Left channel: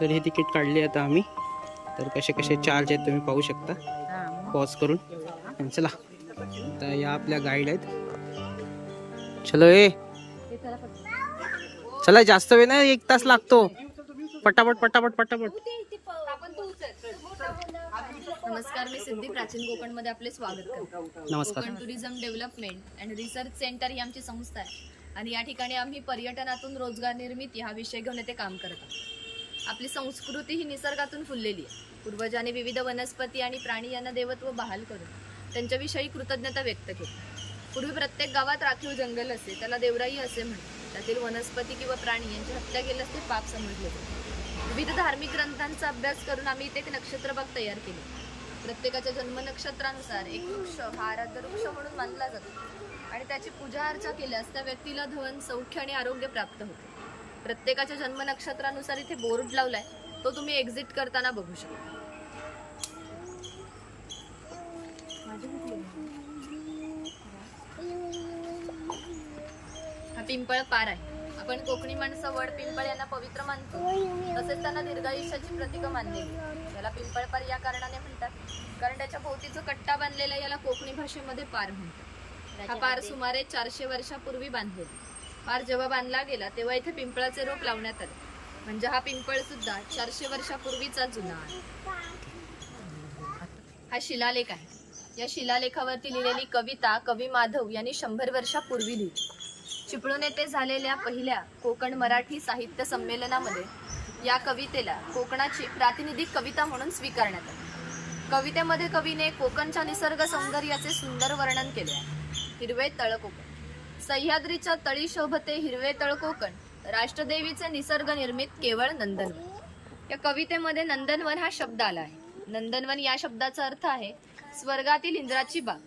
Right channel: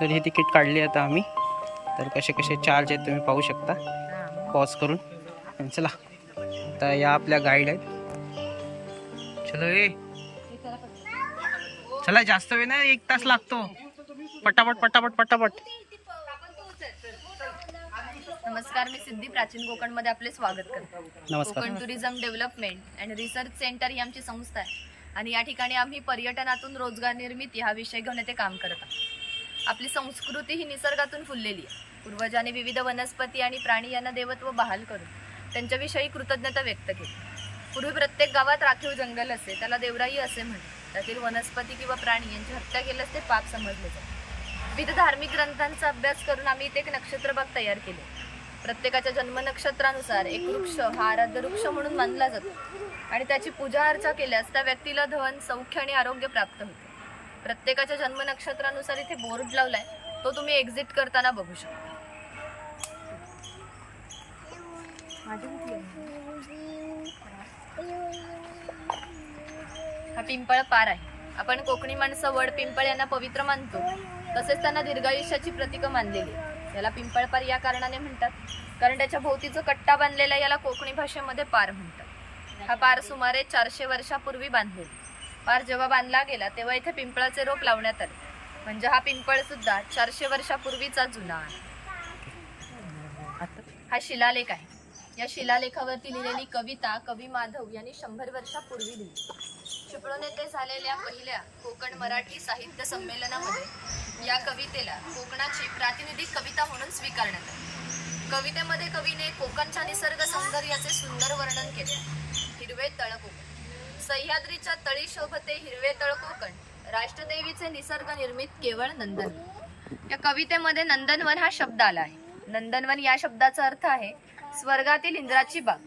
तर हे तिकीट काढली आता आम्ही. तर कसे कसे चार्ज आहेत तुम्ही पाहू शकता. पॉज करून. चला. आता या आपल्या गाईड आहेत. चलो ए. चला जास्त वेळ नाही एक तास लागतो. पटापट पटापट पटापट. नमस्कार मी सिद्धी प्राचीन कोकणमध्ये आपले स्वागत करतो. नमस्कार. Konkan tourism development and research centre ही आमची संस्था आहे. आणि या ठिकाणी आम्ही पर्यटनातून रोजगार निर्मिती हा विषय घेऊन येथे काम करत आहोत. आपली संस्कृती ही निसर्गातून फुललेली आहे. पूर्वजांनी विविध वनस्पती आणि प्राणी यांना देवत्व बहाल करून त्यांच्याविषयी कृतज्ञता व्यक्त केली. पूर्वी प्रत्येक गावात राखीव जंगल असे त्याला देवराई असे म्हणतात. त्यातील वनस्पती किंवा प्राणी यांची हत्या केल्यास ते पाप समजले जाते. विविध धार्मिक ग्रंथांचा अभ्यास करून आम्ही इथे एक नक्षत्रबाग तयार केले. प्रत्येकाच्या जन्मनक्षत्रानुसार एक वृक्ष हा आराध्य वृक्ष म्हणून मानला जातो. आणि त्याची पूजा अर्चा केल्यास त्या व्यक्तीला धन सौख्य आणि आरोग्य प्राप्त होते. प्रत्येकाच्या जन्म नक्षत्रानुसार इथे बोर्ड लावलाय. तो तुम्ही एक्झिट करताना बघू शकता. हा पिंपळ पार आहे. आपण कोकणी माणसं वड पिंपळ यांना पवित्र मानतो. तसेच त्यांना दीर्घायुष्याची प्रतीक मानलेली याला पिंपळ पार या कारणाने म्हणतात. कारण त्याच्या भोवतीचा कट्टा बांधलेला याला कोकणी भाषेमध्ये पार म्हणतात. हा पार सुमारे चारशे वर्षापूर्वी बांधलेला पार जेव्हा बांधला गेला तेव्हा इथे पिंपळाचे रोप लावण्यात आले. म्हणजे हा पिंपळ सुद्धा चारशे वर्षापूर्वीचा जुना आहे. हा शिलालेख आहे. या शिलालेखावरती लिहिलेली कविता कवी माधव यांनी शंभर वर्षापूर्वी लिहिली. चिपळूण येथे झालेल्या पहिल्या कोकण मराठी साहित्य संमेलनामध्ये या कवितेला कोकणाची प्रातिनिधिक कविता म्हणून स्वीकारण्यात आली. कवितेमध्ये कवीने कोकणच्या निसर्ग सौंदर्याचे सुंदर वर्णन केले आहे. हिरवे तळकोकण सह्याद्रीच्या तळी शोभते हिरवे तळ कोकण. राष्ट्रदेवीचे निसर्ग निर्मित केवळ नंदनवन. या कवितेमध्ये नंदनवन हा शब्द आला आहे. नंदनवन या शब्दाचा अर्थ आहे स्वर्गातील इंद्राची बाग.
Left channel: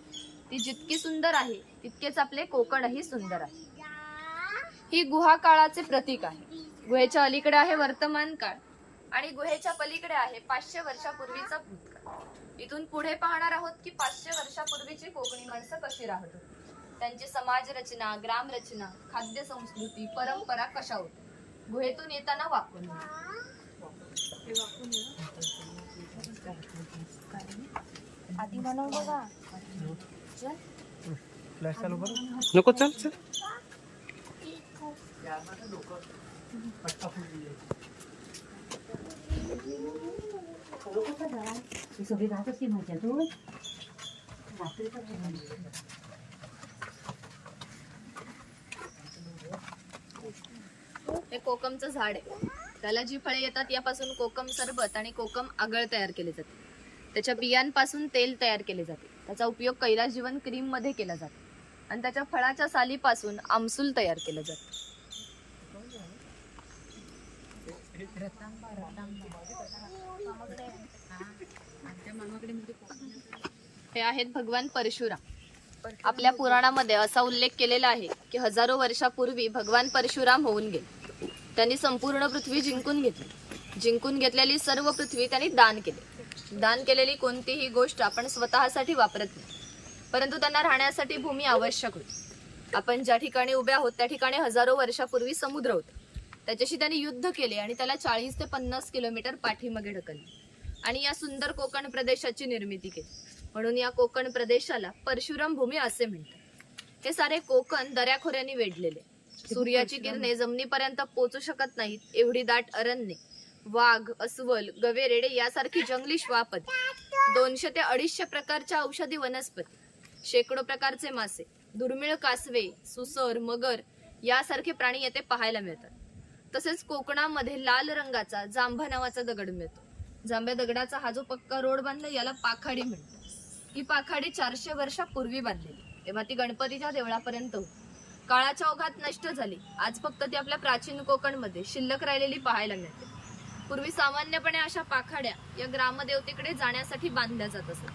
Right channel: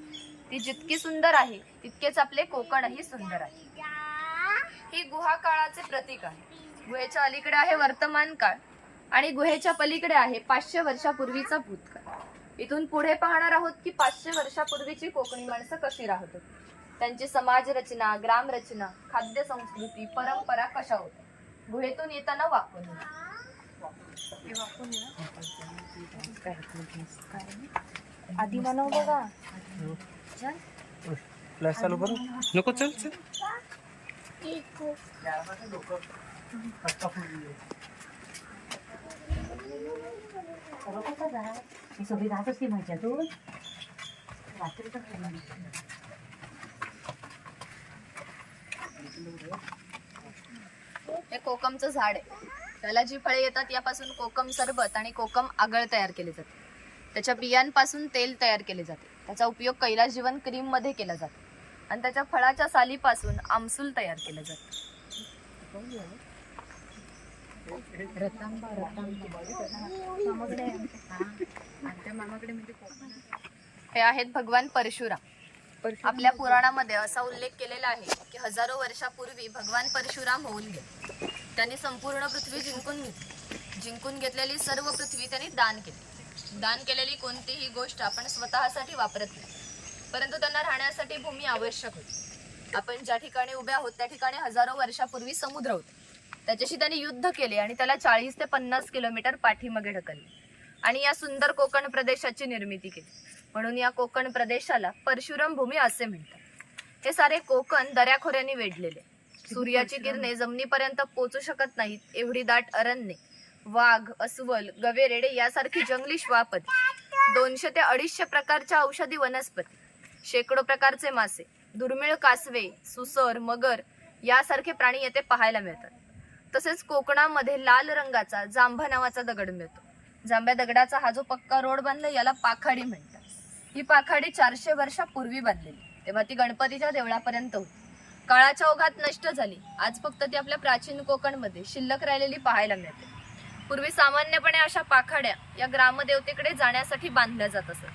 ती जितकी सुंदर आहे तितकेच आपले कोकणही सुंदर आहे. ही गुहा काळाचे प्रतीक आहे. गुहेच्या अलीकडे आहे वर्तमान काळ आणि गुहेच्या पलीकडे आहे पाचशे वर्षापूर्वीचा भूतकाळ. इथून पुढे पाहणार आहोत की पाचशे वर्षापूर्वीची कोकणी माणसं कशी राहत होती? त्यांची समाज रचना ग्राम रचना खाद्य संस्कृती परंपरा कशा होत्या? गुहेतून येताना वाकून आधी मला बघा. नको चल चल. ही सगळी राहत असते माहिती तू हे कोकमचं झाड आहे. त्याला जी फळे येतात यापासून कोकम सरबत आणि कोकम आगळ तयार केले जाते. त्याच्या बियांपासून तेल तयार केले जाते. त्याचा उपयोग कैलास जीवन क्रीममध्ये केला जातो. आणि त्याच्या फळाच्या सालीपासून आमसूल तयार केलं जातं. हे आहेत भगवान परशुराम. आपल्या पुराणामध्ये असा उल्लेख केलेला आहे की हजारो वर्षापूर्वी भगवान परशुराम होऊन गेले. त्यांनी संपूर्ण पृथ्वी जिंकून घेतली. जिंकून घेतलेली सर्व पृथ्वी त्यांनी दान केली. दान केलेली कोणतीही गोष्ट आपण स्वतःसाठी वापरत नाही. परंतु त्यांना राहण्यासाठी भूमी आवश्यक होती. आपण ज्या ठिकाणी उभे आहोत त्या ठिकाणी हजारो वर्षापूर्वी समुद्र होता. त्याच्याशी त्यांनी युद्ध केले आणि त्याला चाळीस ते पन्नास किलोमीटर पाठीमागे ढकलले. आणि या सुंदर कोकण प्रदेशाची निर्मिती केली. म्हणून या कोकण प्रदेशाला परशुराम भूमी असे म्हणतात. हे सारे कोकण दऱ्याखोऱ्यांनी वेढलेले. सूर्याची किरणे जमिनीपर्यंत पोचू शकत नाहीत. एवढी दाट अरण्ये वाघ अस्वल गवेरेडे यासारखी जंगली श्वापदी दोनशे ते अडीचशे प्रकारच्या औषधी वनस्पती शेकडो प्रकारचे मासे दुर्मिळ कासवे सुसर मगर यासारखे प्राणी येथे पाहायला मिळतात. तसेच कोकणामध्ये लाल रंगाचा जांभा नावाचा दगड मिळतो. जांभ्या दगडाचा हा जो पक्का रोड बांधला याला पाखाडी म्हणतात. ही पाखाडी चारशे वर्षापूर्वी बांधलेली तेव्हा ती गणपतीच्या देवळापर्यंत होती. काळाच्या ओघात नष्ट झाली. आज फक्त ती आपल्या प्राचीन कोकणमध्ये शिल्लक राहिलेली पाहायला मिळते. पूर्वी सामान्यपणे अशा पाखाड्या या ग्रामदेवतेकडे जाण्यासाठी बांधल्या जात असत.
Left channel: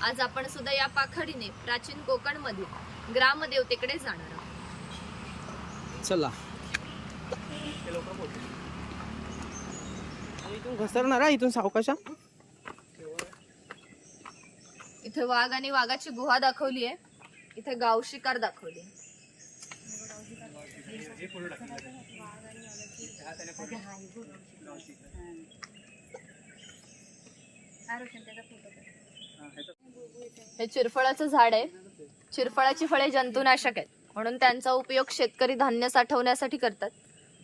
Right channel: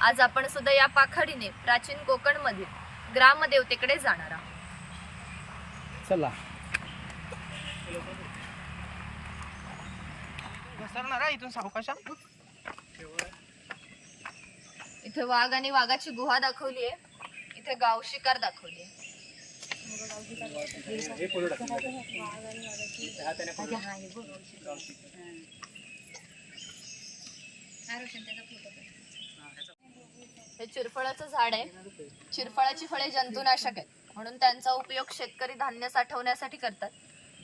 आज आपण सुद्धा या पाखाडीने प्राचीन कोकणमधील ग्रामदेवतेकडे जाणार आहोत. चला. घसरणार इथून सावकाशा इथे वाघ आणि वाघाची गुहा दाखवली आहे. इथे गाव शिकार दाखवली आहे. हे चिरफळाचं झाड आहे. चिरफळाची फळे जंतुनाशक आहेत. म्हणून त्यांचा उपयोग शेतकरी धान्य साठवण्यासाठी करतात.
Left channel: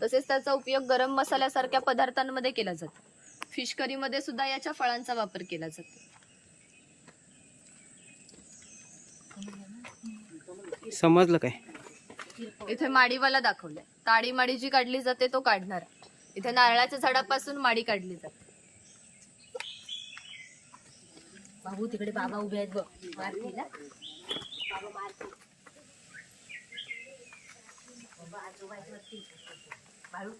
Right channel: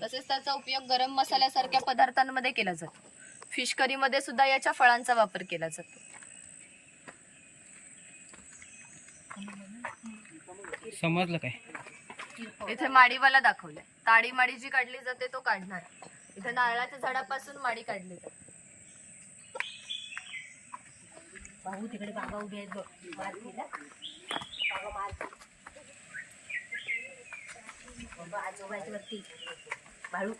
तसेच त्याचा उपयोग गरम मसाल्यासारख्या पदार्थांमध्ये केला जातो. फिश करीमध्ये सुद्धा याच्या फळांचा वापर केला जातो. समजलं काय? इथे माडीवाला दाखवलंय. ताडी माडी जी काढली जाते तो काढणारा. इथे नारळाच्या झाडापासून माडी काढली जाते. भाऊ तिकडे बाबा उभे आहेत बघ. मारतीला बाबा मारती बाळू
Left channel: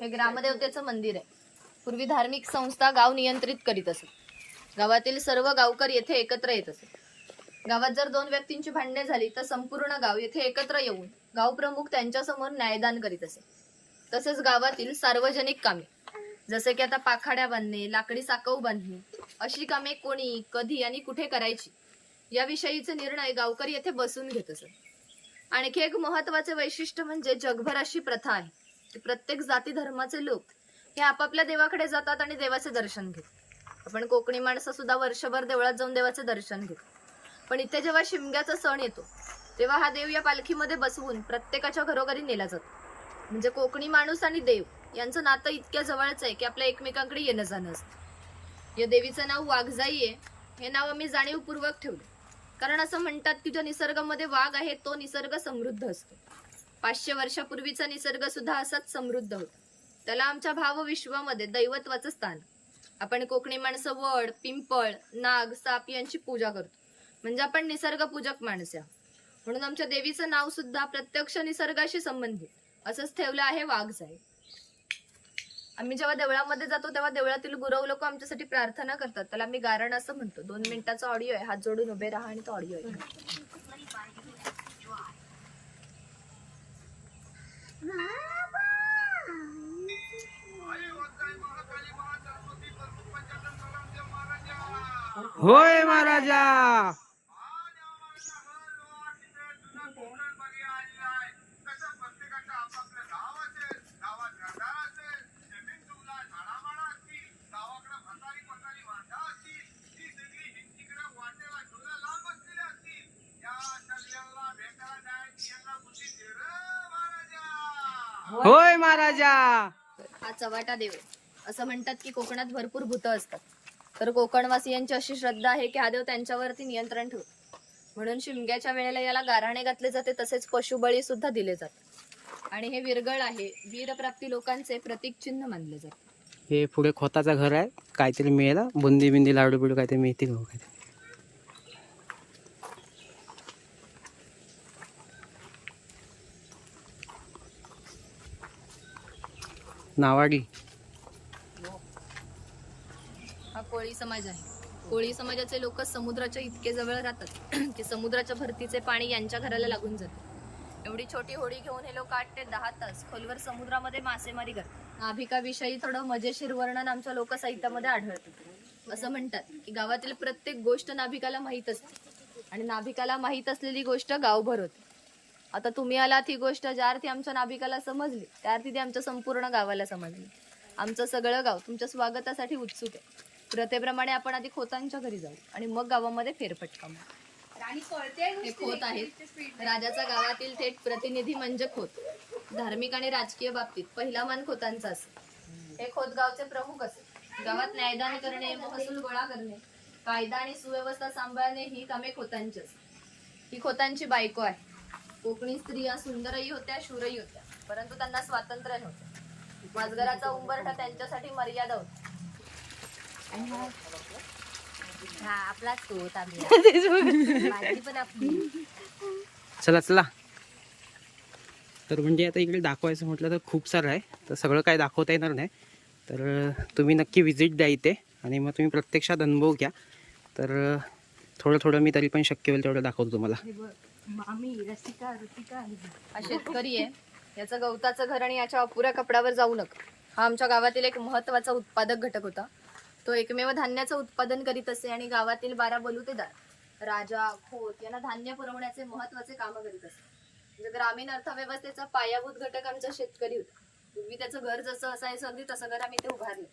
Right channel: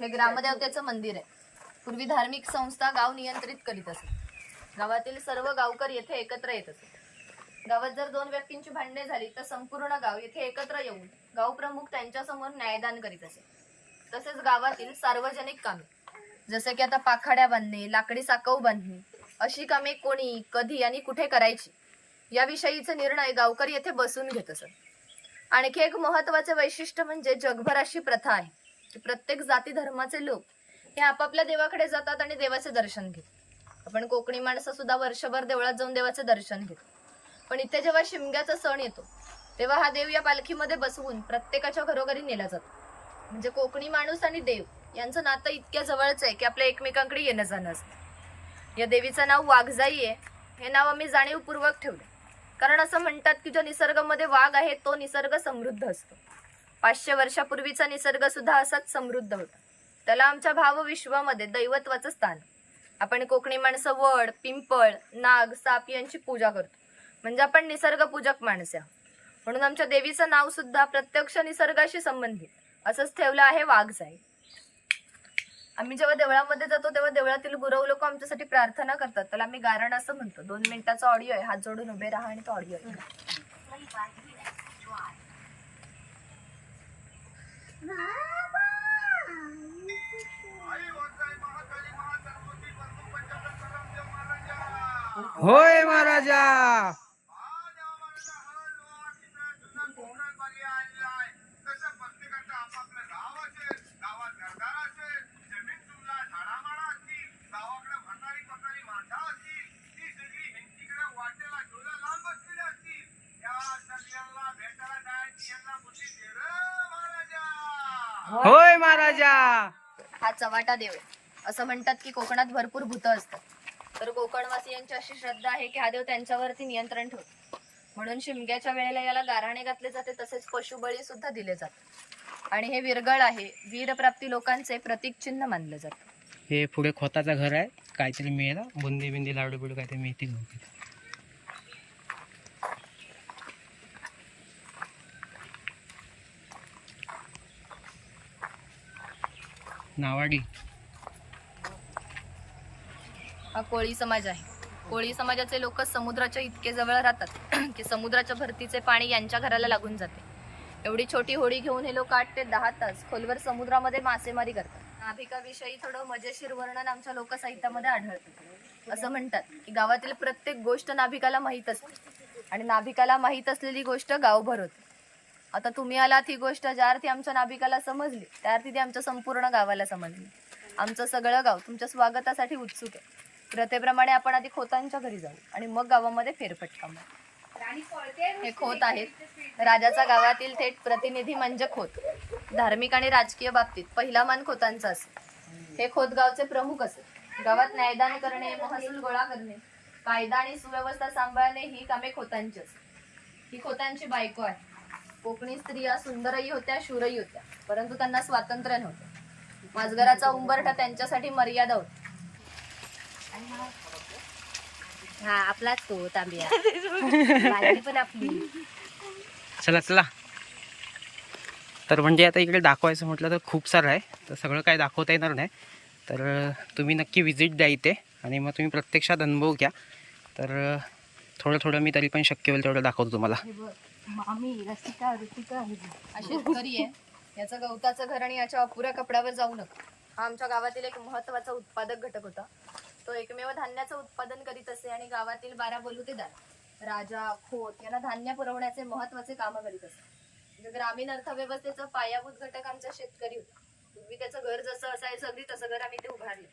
हे ग्रामदेवतेचं मंदिर आहे. पूर्वी धार्मिक संस्था गाव नियंत्रित करीत असत गावातील सर्व गावकर येथे एकत्र येत असत गावात जर दोन व्यक्तींची भांडणे झाली तर संपूर्ण गाव येथे एकत्र येऊन गावप्रमुख त्यांच्यासमोर न्यायदान करीत असे. तसेच गावातील सार्वजनिक कामे जसं की आता पाखाड्या बांधणे लाकडी साकव बांधणे अशी कामे कोणी कधी आणि कुठे करायची याविषयीचे निर्णय गावकरी येथे बसून घेत असत. आणखी एक महत्त्वाचे वैशिष्ट्य म्हणजे जगभर अशी प्रथा आहे की प्रत्येक जाती धर्माचे लोक हे आपापल्या देवाकडे जातात आणि देवाचे दर्शन घेतात. आपण कोकणी माणसं सुद्धा वर्षभर देवळात जाऊन देवाचे दर्शन घेतो. पण इथे जेव्हा शिमग्याचा सण येतो तेव्हा हा देव या पालखीमध्ये बसवून प्रत्येकाच्या घरोघरी नेला जातो. म्हणजे कोकणी माणूस आणि देव यांचं नातं इतक्या जवळच आहे की आपल्या एकमेकांकडे येणं जाणं असतं. या देवीचं नाव वाघजाई आहे. हे नाव आम्ही जाणीवपूर्वक ठेवले कारण असं म्हणतात की जो निसर्गामध्ये वाघ आहे तो निसर्ग समृद्ध असतो. पाचशे वर्षापूर्वीचा निसर्ग सुद्धा असाच समृद्ध होता. त्याला आमच्या भावविश्वामध्ये दैवत्वाचं स्थान. आपण कोकणी माणसं वड पिंपळ नाग साप यांची पूजा करतो. म्हणजे आपण निसर्ग पूजक माणसे म्हणून आमच्या देवीचं नाव सुद्धा प्रत्यक्ष निसर्गाशी संबंधित. असंच ठेवलं आहे वाघजाई आम्ही जेव्हा देवळामध्ये जातो तेव्हा देवळातील गुरव लोक आमच्यासाठी प्रार्थना करतात. त्याला आम्ही गारण असं म्हणतो. दोन मिनिटाचा ऑडिओ आहे. हात जोडून उभे राहा आणि तो ऑडिओ आहे होय महाराजा! महाराजा हा चवाटा देव आहे. असं म्हणतात की कोकणात भरपूर भूतं असतात. तर कोकणवासियांची अशी श्रद्धा आहे की हा देव त्यांच्यावरती नियंत्रण ठेवतो. म्हणून शिमग्याच्या वेळेला याला गाराणे घातले जाते तसेच पशुबळी सुद्धा दिले जातात आणि हे विरगळ आहे. वीरप्राप्ती लोकांचे प्रतीक चिन्ह मानले जाते. हे पुढे खोताचं घर आहे. काहीतरी मिळेल. बुंदी बिंदी लाडू बिडू काहीतरी मिळते काहीतरी हो? नावाडी. हा कोळी समाज आहे. कोळी समाजाचे लोक समुद्राच्या इतके जवळ राहतात की समुद्राच्या भरतीचे पाणी यांच्या घराला लागून जाते. एवढी छोटी होडी घेऊन हे लोक आठ ते दहा तास खोलवर समुद्रामध्ये मासेमारी करतात. नाभिकाविषयी थोडं मजेशीर वर्णन आमच्या लोकसाहित्यामध्ये आढळतं. असं म्हणतात की गावातील प्रत्येक गोष्ट नाभिकाला माहीत असते. आणि नाभिकाला माहीत असलेली गोष्ट गावभर होते. आता तुम्ही आलात ही गोष्ट ज्या अर्थी आमच्या नाभिकाला समजली त्या अर्थी ती आमच्या संपूर्ण गावाला समजली. आमचं सगळं गाव तुमच्या स्वागतासाठी उत्सुक आहे. प्रथेप्रमाणे आपण आधी खोतांच्या घरी जाऊ आणि मग गावामध्ये फेरफटका मारू. हे खोत आहेत. राजाचा गावातील थेट प्रतिनिधी म्हणजे खोत. धार्मिक आणि राजकीय बाबतीत पहिला मान खोतांचा असेल. हे खोत गावचे प्रमुख असेल. गावात न्यायदान करणे महसूल गोळा करणे कायदा आणि सुव्यवस्था सांभाळणे ही कामे खोतांची असते ही खोतांची बायको आहे. कोकणी स्त्रिया सुंदरही होत्या शूरही होत्या. परंतु त्यांना स्वातंत्र्य नव्हतं. माजगराचा उंबरठा त्यांच्यासाठी मर्यादा होती. हा? आपलाच तो तांबिया. पण आपली. चला चला. तर म्हणजे आता इकडे दाखवायचं म्हटलं तर खूप सारं आहे. तर सगळं काय दाखवता येणार नाही. तर तुम्ही नक्की विजिट द्या इथे. आणि मग तुम्ही प्रत्यक्षात अनुभव घ्या. तर थोडं थोडं मी तरी पण शक्य होईल तेवढं दाखवतो तुम्हाला. मामी रसिका रसिका हा शेतकरी आहे. याचं गवताचं घर आणि याच्या अपुऱ्या कपड्यावर जाऊ नका. हा आमच्या गावातील एक महत्त्वाचा उत्पादक घटक होता. तो एकमेव धान्याचं उत्पादन करीत असे आणि गावातील बारा बलुतेदार राजा खोत यांना धान्य पुरवण्याचे महत्त्वाचे काम करीत असत म्हणजे ग्रामीण अर्थव्यवस्थेचा पायाभूत घटक आमचा शेतकरी होता. पूर्वी त्याचं घर जसं असायचं अगदी तसं घर आम्ही ते उभारले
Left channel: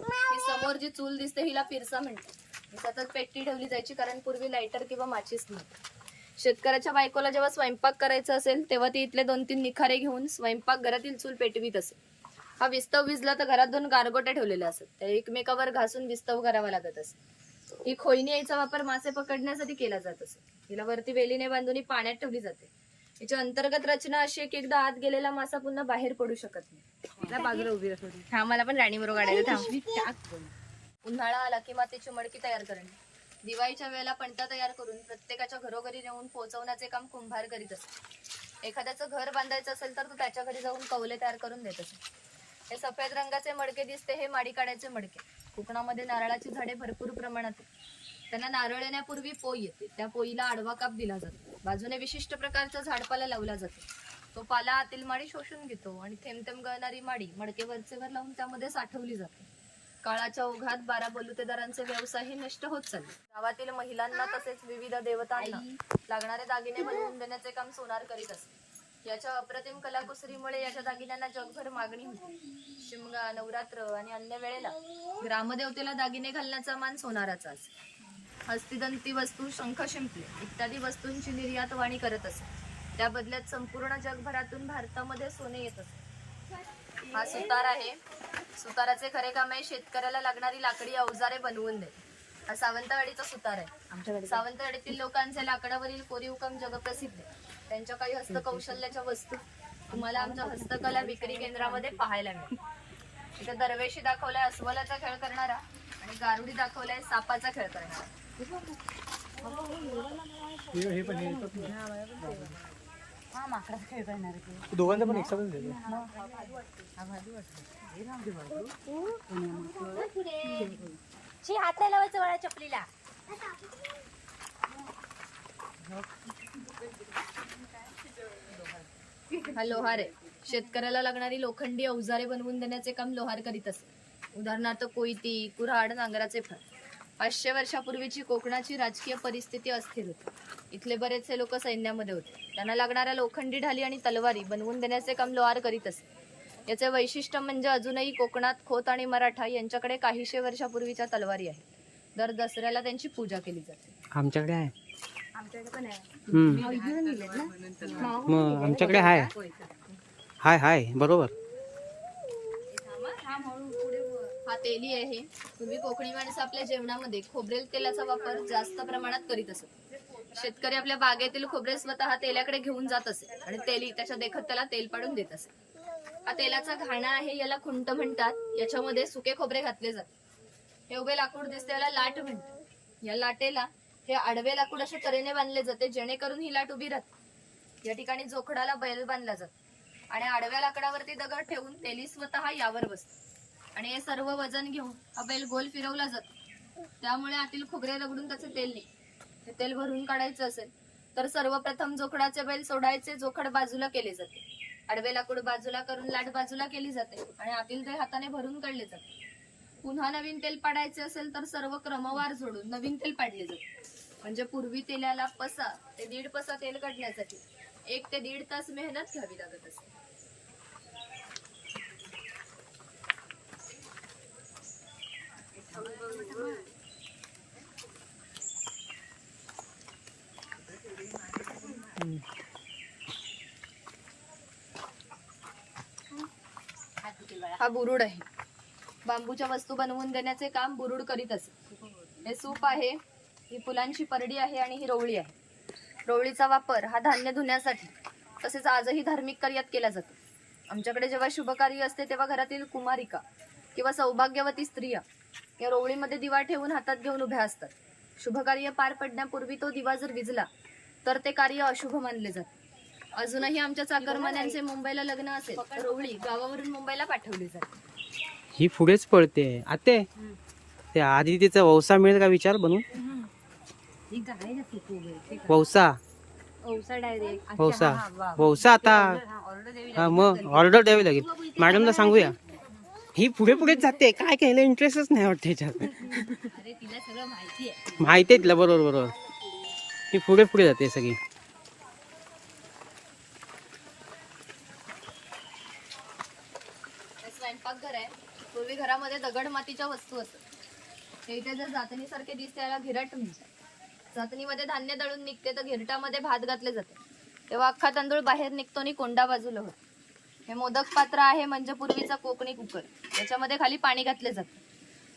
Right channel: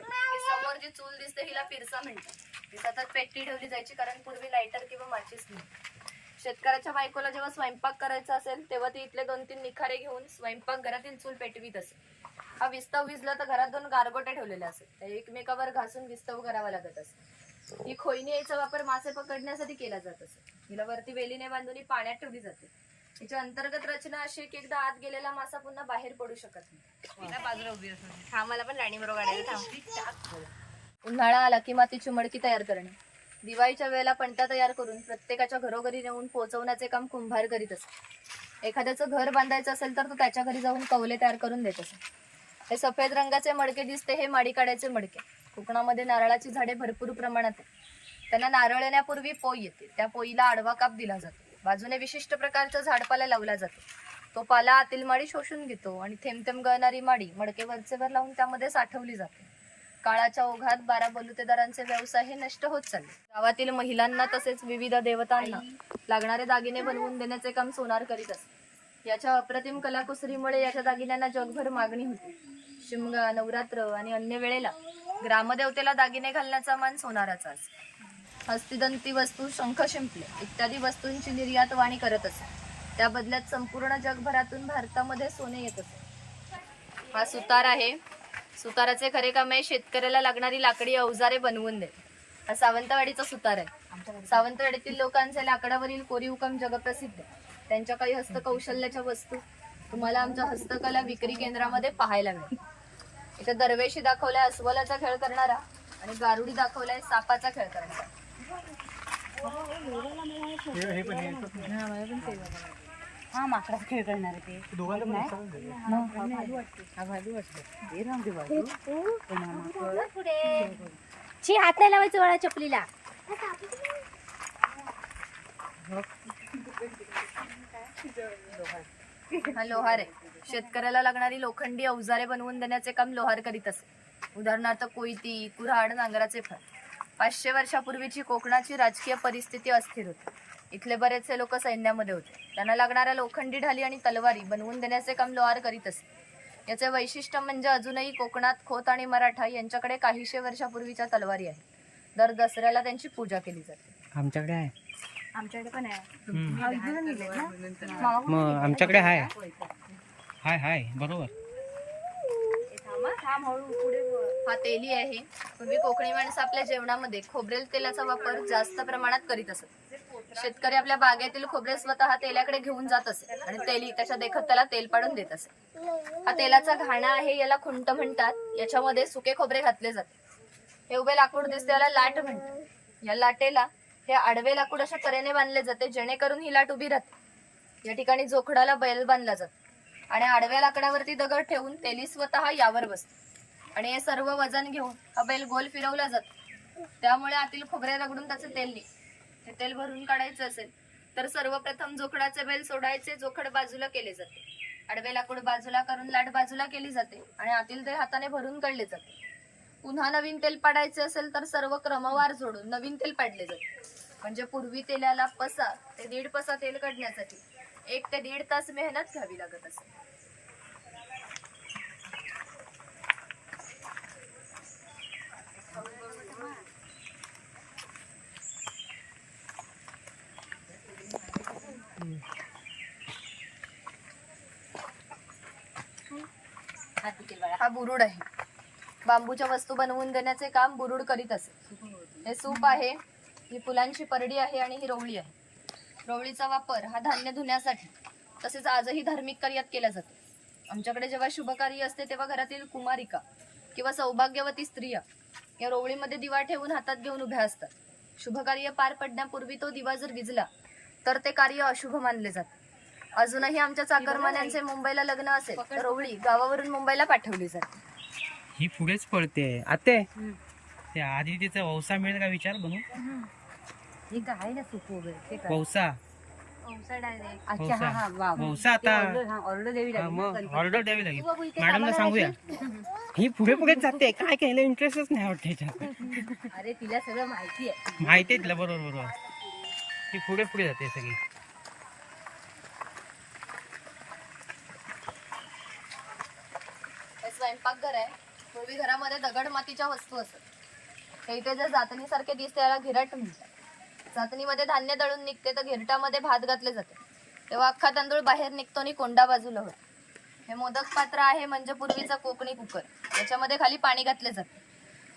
की समोर जी चूल दिसते हिला पिरसा म्हणतात. म्हणजे ही सतत ठेवली जायची कारण पूर्वी लायटर किंवा माचीस नव्हती. शेतकऱ्याच्या बायकोला जेव्हा स्वयंपाक करायचा असेल तेव्हा ती इथले दोन तीन निखारे घेऊन स्वयंपाक घरातील चूल पेटवीत असे हा विस्तव विजला तर घरात दोन गारगोटे ठेवलेले असत त्या एकमेकावर घासून विस्तव करावा लागत असे ही खोईनी याचा वापर मासे पकडण्यासाठी केला जात असे हिला वरती वेलीने बांधून ही पाण्यात ठेवली जाते. याची अंतर्गत रचना अशी आहे की एकदा आत गेलेला मासा पुन्हा बाहेर पडू शकत नाही. बाजूला उभी हा मला पण राणी बरोबर काढायचं उन्हाळा आला की मातीची मडकी तयार करणे. दिवाळीच्या वेळेला पणत्या तयार करून प्रत्येकाच्या घरोघरी नेऊन पोहोचवण्याचे काम कुंभार करीत असे एखाद्याचं घर बांधायचं असेल तर तो त्याच्या घरी जाऊन कवले तयार करून देत असे हे सफेद रंगाचे मडके दिसते हे माडी काढायचे मडके. कोकणामध्ये नारळाची झाडे भरपूर प्रमाणात आहेत. त्यांना नारळ येण्यापूर्वी पोई येते. त्या पोईला आडवा काप दिला जातो. बाजूने विशिष्ट प्रकारचा झाडपाला लावला जातो. तो पाला आतील माडी शोषून घेतो आणि थेंब थेंब गळणारी माडी मडके वरचेवर लावून त्यामध्ये साठवली जाते. काळाच्या ओघात बारा बलुतेदारांचे व्यवसाय हे नष्ट होत चालले. गावातील महिलांना तसेच विविध देवतांना लागणारे दागिने बनवून देण्याचे काम सोनार करीत असते. याच्या अप्रतिम कलाकुसरीमुळे याच्या दागिन्यांना जगभर मागणी होती. शिमगा नवरात्र आणि अन्य वेळेला ग्रामदेवतेला दागिने घालण्याचा मान सोनाराचा असे हस्तिदंती वस्तू शंख शिंपले इत्यादी वस्तूंची निर्यात वाणी करत असे त्या बदल्यात संपूर्ण जगभरातून भारतामध्ये सोने येत असे हा सुतार आहे. सुताराचे खरे काम आहे शेतकऱ्याला लागणारी लाकडी अवजारे बनवून देणे हा सावंतवाडीचा सुतार आहे. सावंतवाडीतील लोकांचे लाकडावरील कोरीव जगप्रसिद्ध आहे. त्यांच्या काही हस्तकौशल्याच्या वस्तू तुम्हाला आमच्या हस्तकला विक्री केंद्रामध्ये पाहायला मिळेल इथे दरवेशी दाखवलाय अस्वलाचा खेळ करणारा आणि गारुडी दाखवलाय सापाचा खेळ करणारा. हा माकडा खेळ करणार आहे ते. पुढे. ची हात नाही लावायचं वळा चपलीला. हा लोहार आहे. शेतकऱ्याला लागणारी लोखंडी अवजारे बनवून देण्याचे काम लोहार करीत असे. उदाहरणार्थ कोयती कुऱ्हाड नांगराचे फळ पाचशे वर्षापूर्वीची कोकणाची राजकीय परिस्थिती अस्थिर होती. इथले बरेचसे लोक सैन्यामध्ये होते. त्यांना लागणाऱ्या लोखंडी ढाली आणि तलवारी बनवून देण्याचे काम लोहार करीत असे. याचे वैशिष्ट्य म्हणजे अजूनही कोकणात खोत आणि मराठा यांच्याकडे काहीशे वर्षापूर्वीच्या तलवारी आहेत. दर दसऱ्याला त्यांची पूजा केली जाते. आमच्याकडे आहे. आमच्याकडे पण आहे. हा, मग आमच्याकडे हाय हाय. बरोबर. हा तेली आहे. पूर्वी कोकणी माणसं आपल्या जेवणामध्ये खोबरेल तेलाचा वापर जास्त प्रमाणात करीत असत. शेतकरी आपल्या बागेतील खोबरे स्वतः तेलाकडे घेऊन जात असे आणि तेली त्याच्या देखत त्याला तेल पाडून देत असे. हा तेलाचा घाणा आहे याला खुंट म्हणतात. याच्यामध्ये सुके खोबरे घातले जाते. हे उभे लाकूड दिसते याला लाट म्हणतात. या लाटेला हे आडवे लाकूड अशा तऱ्हेने बांधले जाते जेणेकरून ही लाट उभी राहते. या ठिकाणी जोखडाला बैल बांधला जातो. आणि आडव्या लाकडावरती दगड ठेवून तेली स्वतः यावर बसते. आणि हे सर्व वजन घेऊन हा बैल गोल फिरवला जातो. त्यामुळे आतील खोबरे रगडून त्याचं तेल निघते. हे तेल भरून काढायचं असेल तर सर्वप्रथम जोखडाचे बेल सोडायचे जोखड बाजूला केले जाते. आडवे लाकूड बाजूला करून लाट बाजूला केली जाते आणि आतील तेल हाताने भरून काढले जाते. पुन्हा नवीन तेल पाडायचे असेल तर सर्व क्रमवार जोडून नवीन तेल पाडले जाते. म्हणजे पूर्वी तेलाला पसा ते दीड पसा तेल काढण्यासाठी एक ते दीड तास मेहनत घ्यावी लागत असे. हा बुरुड आहे. बांबूच्या वस्तू बनवून देण्याचे काम बुरुड करीत असे. हे सूप आहे ही फुलांची परडी आहे आणि ही रोवळी आहे. रोवळीचा वापर हा धान्य धुण्यासाठी तसेच आजही धार्मिक कार्यात केला जातो. आमच्याकडे जेव्हा शुभकार्य असते तेव्हा घरातील कुमारिका किंवा सौभाग्यवती स्त्रिया या रोवळीमध्ये दिवा ठेवून हातात घेऊन उभ्या असतात. शुभकार्य पार पडण्यापूर्वी तो दिवा जर विजला तर ते कार्य अशुभ मानले जाते. अजूनही आमच्या चाकरमान्यांचे मुंबईला लग्न असेल तर रोवळी गावावरून मुंबईला पाठवली जाते ही पुढेच पळते. आते ते आधी तिचा वौसा मिळेल का विचार बनवून हे काय ना सुकू वगैरे ते काय? वौसा. पावसा डायरेक्ट वौसा. वौसा आता. ऑर्डर द्यावी हा, मग ऑर्डर द्यावी लागेल. मॅडमला सांगूया. ही पुढे पुढेच जाते. काय केलं? इंटरेस्टच नाही वाटते अरे तिला सगळं माहिती आहे. माहिती आहे तिला. बरोबर बरोबर. ती पुढे पुढे जाते सगळी हे स्वयंपाकघर आहे. पूर्वी घरामध्ये दगड मातीच्या वस्तू असत. हे इथे जर जातणीसारखे दिसते याला घिरट म्हणतात. जातणीमध्ये धान्य दळून निघते तर घिरटामध्ये भात घातले जाते. तेव्हा अख्खा तांदूळ बाहेर निघतो आणि कोंडा बाजूला होतो. हे मोदक पात्र आहे म्हणजे पूर्वीचा कोकणी कुकर. याच्यामध्ये खाली पाणी घातले जाते.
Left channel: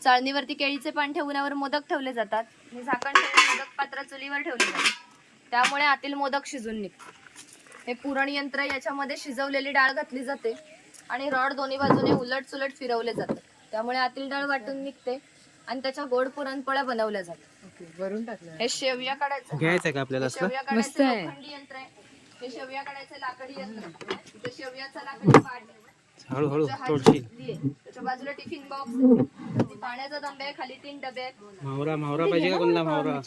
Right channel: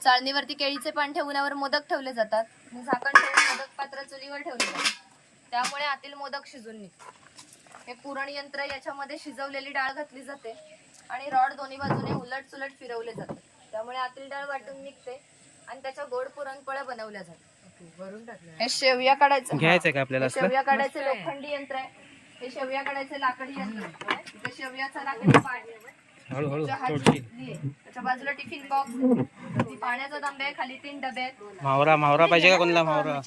चाळणीवरती केळीचे पान ठेवण्यावर मोदक ठेवले जातात. आणि झाकण ठेवून मोदक पात्र चुलीवर ठेवले जातात त्यामुळे आतील मोदक शिजून निघतो. हे पुरण यंत्र याच्यामध्ये शिजवलेली डाळ घातली जाते. आणि रॉड दोन्ही बाजूने उलट सुलट फिरवले जातात. त्यामुळे आतील डाळ वाटून निघते आणि त्याच्या गोड पुरणपोळ्या बनवल्या जातात. हे शेवया काढायचं. घ्यायचं का आपल्याला शेवया काढायचे लोखंडी यंत्र आहे. हे शेवया काढायचे लाकडी यंत्र आहे. इथं शेवयाचा लाकडी आहे. हळूहळू. त्याच्या बाजूला टिफिन बॉक्स. पाण्याचा तांबा आहे खाली तीन डबे आहेत. मावरा मावरा पाहिजे का कोणाला मावरा?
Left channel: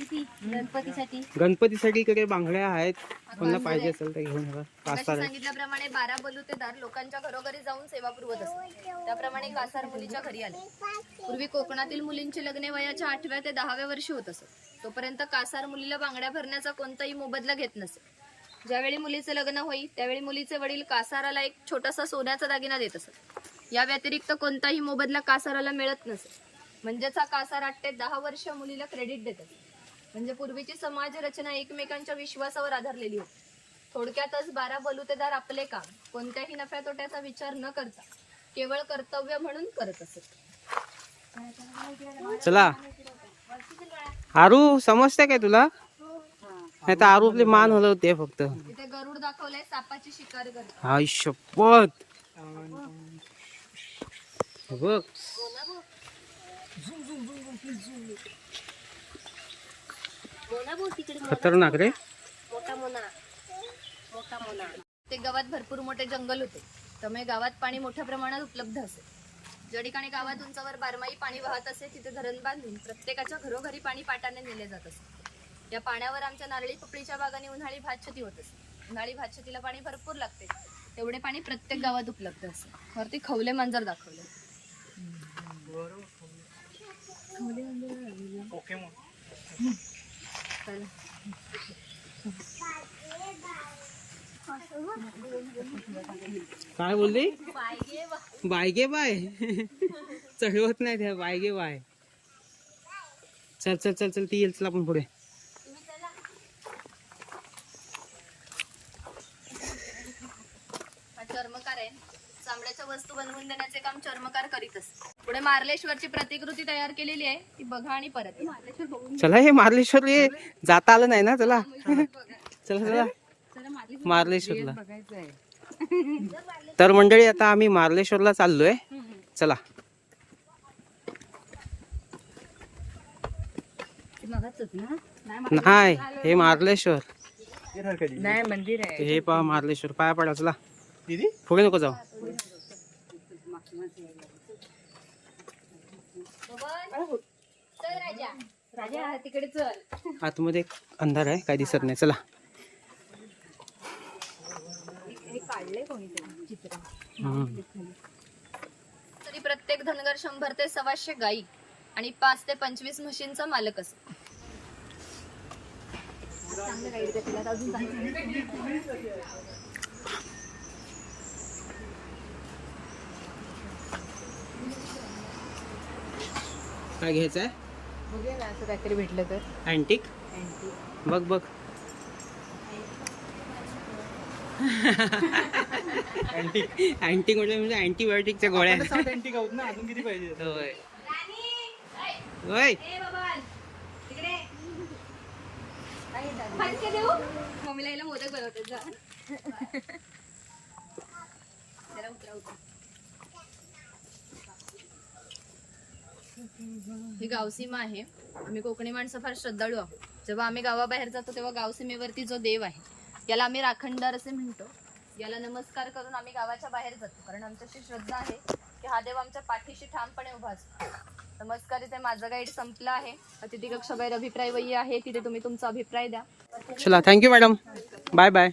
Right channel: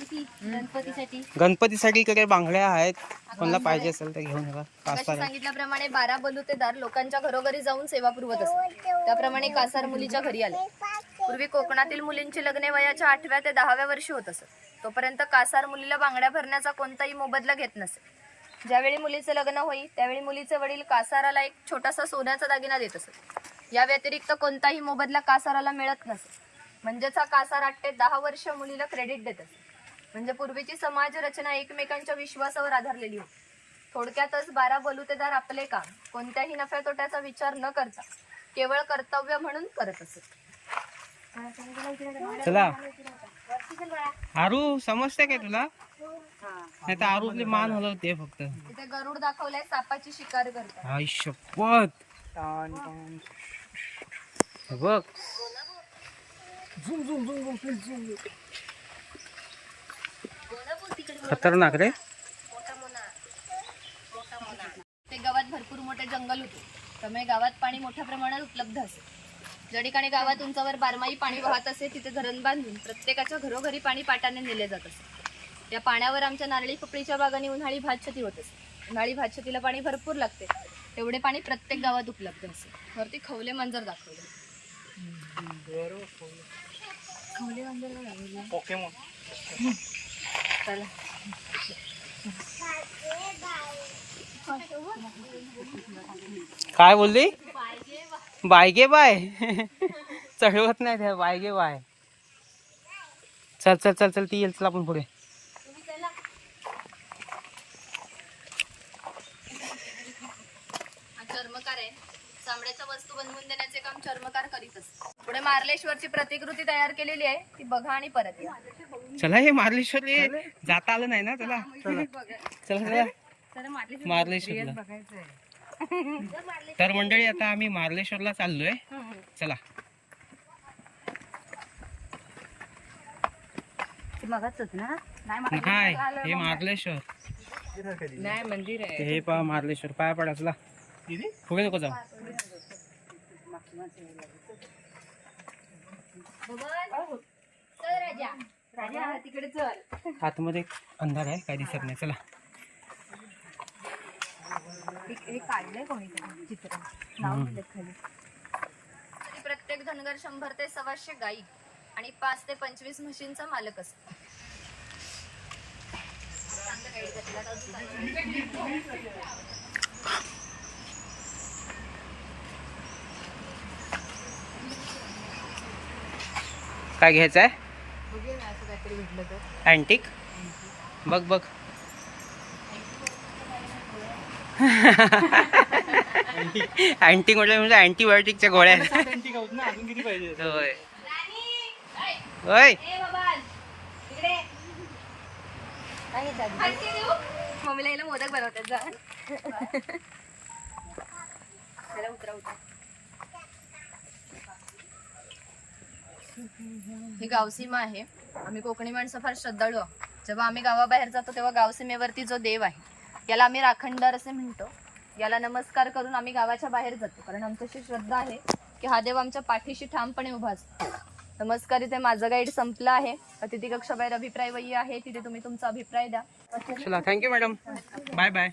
गणपतीसाठी? गणपतीसाठी काही बांगड्या आहेत. कोणाला पाहिजे असेल तर घेऊन येवा आहे सांगितल्याप्रमाणे बारा बलुतेदार लोकांच्या घरोघरी जाऊन सेवा पुरवत असतात. त्याप्रमाणे कासार मुलीच्या घरी आले. पूर्वी कोकणातील मुलींची लग्ने वयाच्या आठव्या ते दहाव्या वर्षी होत असत. तोपर्यंत कासार मुलीला बांगड्या भरण्याचा कोणताही मोबदला घेत नसे. ज्यावेळी मुलीचे लग्न होई त्यावेळी मुलीचे वडील कासाराला एक छोटासा सोन्याचा दागिना देत असत. या व्यतिरिक्त कोणताही मोबदला कासाराला मिळत नसे. म्हणजेच हा कासार आठ ते दहा वर्ष मुलीला क्रेडिट देत असे म्हणजे पूर्वीची समाज रचना एकमेकांच्या विश्वासावर आधारलेली होती. थोडक्यातच बारा बलुतेदार आपले काम. कोणत्याही नफ्या तोट्याचा विचार न करता केवळ कर्तव्य म्हणून करत असत. चला. आरू समजते काय तुला? नाही तर आरू आपली मान हलवते फक्त. इथे गरुड दाखवलंय सापाची शिकार करतात. आई शपथ. हे बघ. खतरनाक रे. ते गावात भरपूर मोठे जंगल होते. त्यामुळे गावात पाणी मोठ्या प्रमाणात उपलब्ध असे ज्या ठिकाणी गावात उंचावर बारमाही पाणी वाहत असे तिथे धरण बांधून प्रत्येकाच्या घरोघरी पाणी पाटाने नेले जात असे. या पाण्यावर आमच्या नारळी पपळीच्या बागांनी उन्हाळी भातशेती होत असे. उन्हाळी भातशेतीला पाणी भरपूर लागते. तेवढे पाणी प्रत्येक गावात उपलब्ध असे. वरती खवले मांजर दाखवले. खवले मांजर काय बोलली? बायगे बाय. चढवत नाही त्या बायगे बाय. चल चल चल चल ती येईल चल आपण पुढे हा चर्मकार आहे चामड्याच्या वस्तू बनवून देण्याचे काम चर्मकार करीत असते पुढे मार्लेश्वरची प्रतिकृती तयार केलेली आहे. ती बघा आणि परत या. चला हे मार्लेश्वर हे जाता आलं नाही ना चला. चला चला. मार्लेश्वरला. तर मंडळी आता आम्ही मार्लेश्वरला चाललोय. चला. नाही हे मार्लेश्वर. हे पहा मार्लेश्वर पाया पडा चला. पुढे नको जाऊ चल राजा राजा तिकडे चल आतमध्ये एक अंधार आहे काही दिसत नाही. चला. प्रत्येक धनगर शंभर ते सव्वाशे गाई आणि पाच ते पंचवीस म्हशींचा मालक असतो. चांगलं गाईड अजून काय घ्यायचं आहे? अँटिक बघ बघ. अँटिक म्हटलं म्हणजे अँटीबायोटिकच्या गोळ्या. आहेत. होय. होय मम्मीला मोदक बनवतात जा. जरा उतरा उतरा. ही गावसीमा आहे. आम्ही कोकणी माणसं फार श्रद्धाळू आहोत. जेव्हा आम्ही गावाबाहेर जातो तेव्हा गावसीमेवरती जो देव आहे याला आम्ही राखणदार असे म्हणतो. याला नमस्कार करून आम्ही गावाच्या बाहेर जातो. कारण आमच्याशी श्रद्धा आहे की हा देव आमच्या पाठीशी ठामपणे उभा असतो. नमस्कार इथे माझं गाईड संपलं आहे. अतिथी कक्षाबाहेर अभिप्राय वही आहे. तिथे तुम्ही तुमचा अभिप्राय द्या. चला थँक्यू मॅडम बाय बाय